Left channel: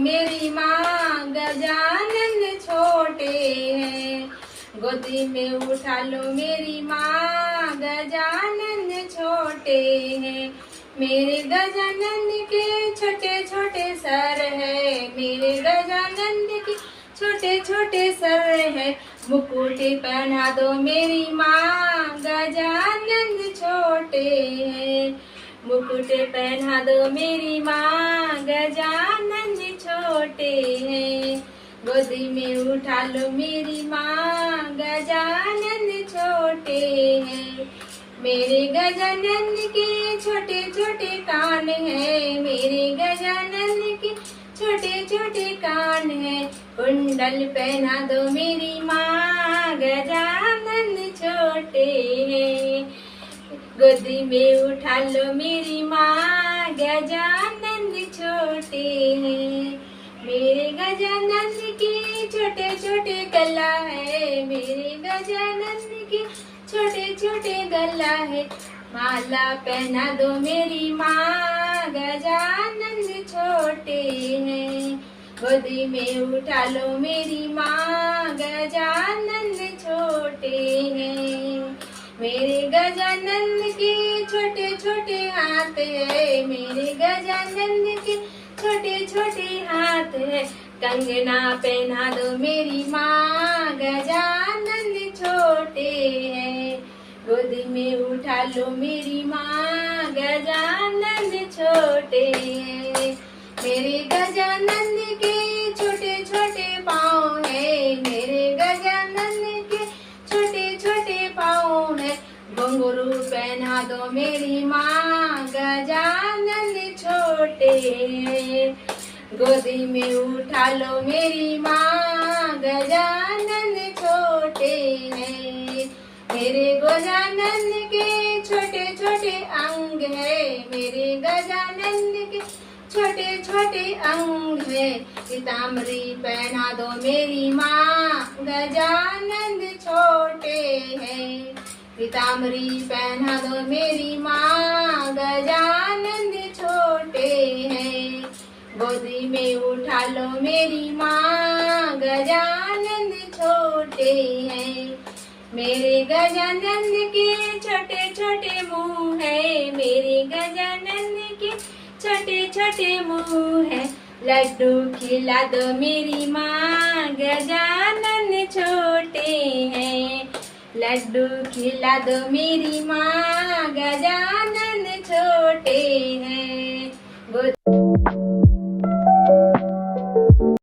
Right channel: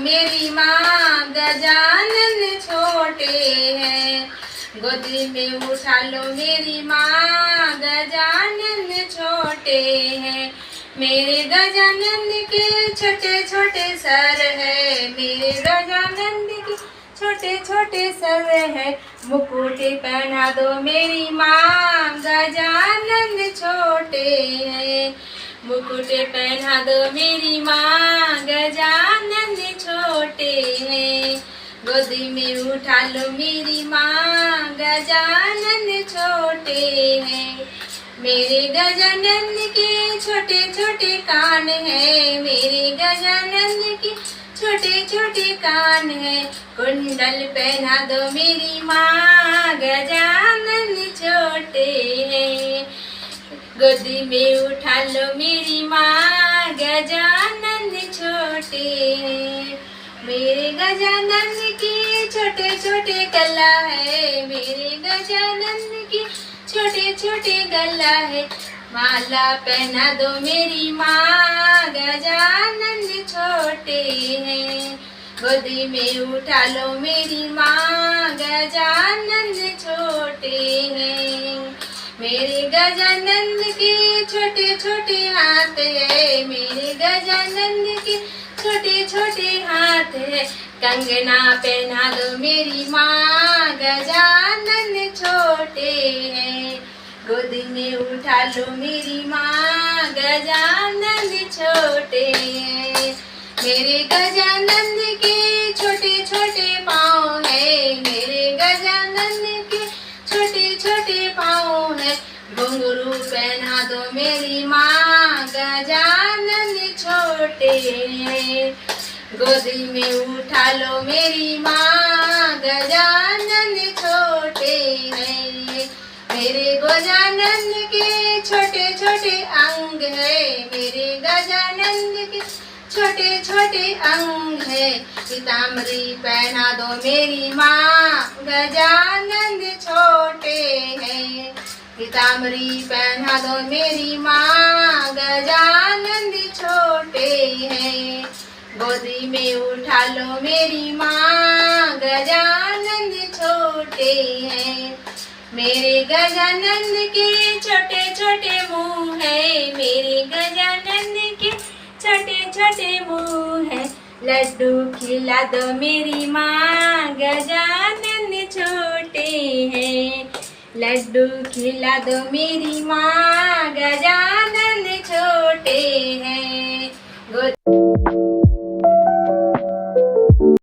मेरी माँ, गजानन छोटे हैं। गोदी में उठा लो मेरी माँ, गजानन छोटे हैं। मेरे गजानन के छोटे छोटे सर है, मेरे गजानन के छोटे छोटे सर है। मुकुट पहना दो मेरी माँ, गजानन छोटे हैं। मुकुट पहना दो मेरी माँ, गजानन छोटे हैं। गोदी में उठा लो मेरी माँ, गजानन छोटे हैं। मेरे गजानन के छोटे छोटे कान है, मेरे गजानन के छोटे छोटे कान है। कुंडल पहना दो मेरी माँ, गजानन छोटे हैं। गोदी में उठा लो मेरी माँ, गजानन छोटे हैं। मेरे गजानन की छोटे छोटे गला है, मेरे गजानन की छोटे छोटे गला है। माला पहना दो मेरी माँ, गजानन छोटे हैं। गोदी में उठा लो मेरी माँ, गजानन छोटे हैं। मेरे गजानन के छोटे छोटे हाथ है, मेरे गजानन के छोटे छोटे हाथ है। कंगना पहना दो मेरी माँ, गजानन छोटे हैं। गोदी में उठा लो मेरी माँ, गजानन छोटे हैं। मेरे गजानन के छोटे छोटे पाँव है, मेरे गजानन के छोटे छोटे पाँव है। घुंघरू पहना दो मेरी माँ, गजानन छोटे हैं। गोदी में उठा लो मेरी माँ, गजानन छोटे हैं। मेरे गजानन के छोटे छोटे अंग है, मेरे गजानन के छोटे छोटे अंग है। पीताम्बरी पहना दो मेरी माँ, गजानन छोटे हैं। पीताम्बरी पहना दो मेरी माँ, गजानन छोटे हैं। गोदी में उठा लो मेरी माँ, गजानन छोटे हैं। मेरे गजानन के छोटे छोटे मुँह है, मेरे गजानन के छोटे छोटे मुँह है। लड्डू खिला दो मेरी माँ, गजानन छोटे हैं। लड्डू खिला दो मेरी माँ, गजानन